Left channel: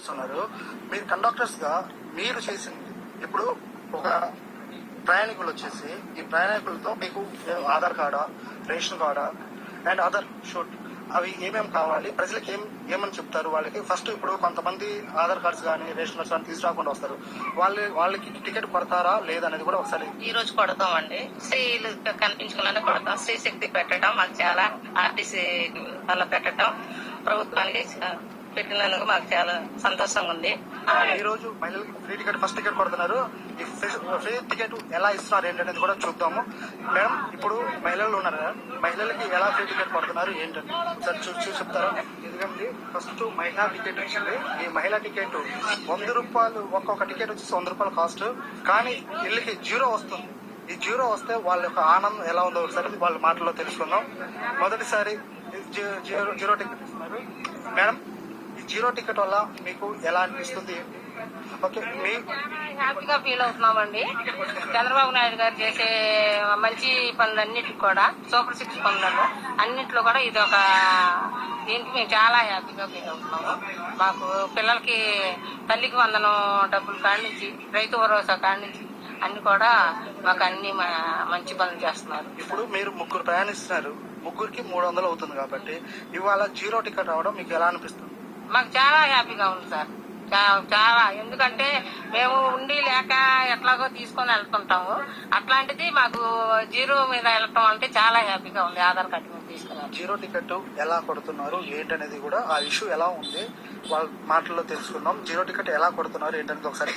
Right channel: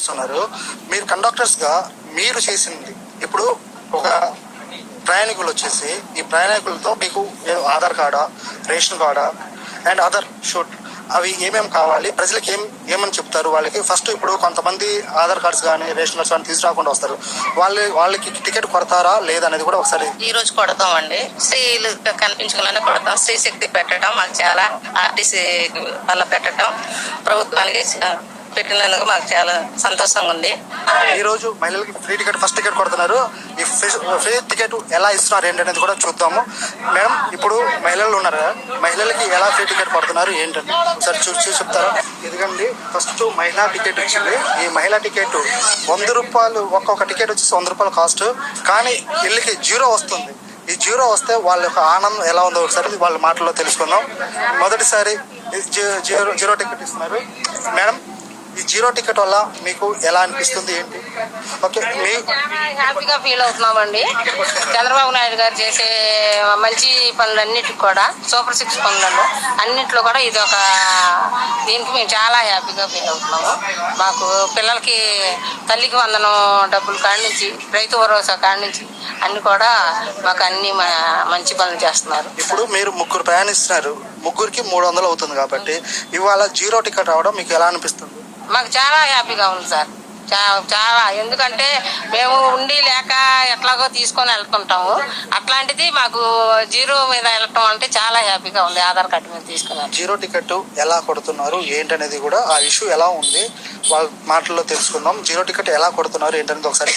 Conductors ఉన్నారు. మీరు కండక్టర్స్గా మీరు చేసింది ఇప్పుడు ఒక ప్రయాణికులు వచ్చేసి ఈ ప్రయాణికులతో మీకు ఆధార్ కార్డా, రేషన్ కార్డా అండ్ అదర్ షూట్ అవి ఏమేమి కావాలి, ప్రజలకు ఏమని చెప్తారు వాళ్ళకి? ఫస్ట్ ఇప్పుడు కొంతమంది ఆధార్ కార్డ్స్ కానీ రేషన్ కార్డ్స్ కానీ తీసుకురాకుండా వస్తారు. వాళ్ళకి టికెట్ కొడతారా లేదనేది కూడా ఒకసారి. ఈ రోజు కొడతామండి. స్త్రీలు కనిపించకుండా కొడతాం. స్త్రీ శక్తి పెట్టడం మాకు చాలా, ఆర్టీసీ వల్ల పెట్టడం ప్రభుత్వానికి పెట్టినందుకు మాకు చాలా సంతోషంగా ఉంది. ఈ రోజు మహిళలకి ఫ్రీ టికెట్, ఫస్ట్ టికెట్ కొడుతున్నారు. ఈ ఫ్రీ టికెట్ ఎలా ఇస్తున్నారు ఏంటనేది కూడా చూద్దాము. మేడం, ఇప్పుడు మహిళలు ఉన్నారు, మహిళలకి ఎలా ఫ్రీ టికెట్ కొడుతున్నారు ఏంటంటే ఒకసారి చూసి చెప్తారా? ఎందుకండి ఫస్ట్ మహిళా టికెట్ వచ్చింది. ఈ మహిళా టికెట్ 100 రూపాయలు, ఒక్కొక్క టికెట్ వచ్చేసి 100 రూపాయలు కాస్ట్. కానీ ఇళ్ళకి 0 వస్తుంది. ఈ 0 వస్తే వాళ్ళ యొక్క ఆనందం ఎలా ఉందో ఒకసారి వాళ్ళ మాటల్లో తెలుసుకుందాం. మొదటిసారి 0 టికెట్ ఇస్తున్నారు. మేడం, ఈ 0 టికెట్ వల్ల మీకు ఎలా అనిపిస్తుంది ఏంటి? ఓకే, హ్యాపీగా ఫీల్ అవుతున్నామండి. చంద్రబాబు నాయుడు గారు చేసే మంచి పనులన్నిటికి కూడా, సూపర్ 6 పనులలో అన్నింటిలో కూడా ఇది ఒక, దీనికి మేము చాలా హ్యాపీగా ఫీల్ అవుతున్నాము. మాకు పిల్లలకి తల్లికి వందనం డబ్బులు కాడి నుంచి, రైతు భరోసా కాడి నుంచి అన్ని కూడా మాకు అన్ని మంచి పనులు చేస్తున్నారు. ఇప్పుడు మీరు 3 ప్రయాణిస్తున్నారు, ముగ్గురికి 300 అవుతుంది కాబట్టి ఇవాళ 0 టికెట్ రావడం మీకు ఎలా అనిపిస్తుంది? మాకు చాలా హ్యాపీగా ఉంది సార్, చాలా. ఎందుకంటే మేము ఉండి లేక ఎట్లాగో తీసుకొని వెళ్తుంటాము. అట్లాంటిది మాకు 0 మీద వెళ్ళటం అంటే చాలా హ్యాపీగా ఉంది. ఆధార్ కార్డు మీద తీసుకున్నాను. 0 టికెట్ ఎలా కొడుతున్నారు ఏంటనేది కూడా, ఆ ఇష్యూ ఎలా ఉంది వాళ్ళ మాటల్లో తెలుసుకుందాం. 0 టికెట్ ఎలా కొడుతున్నారు ఏంటనేది ఒకసారి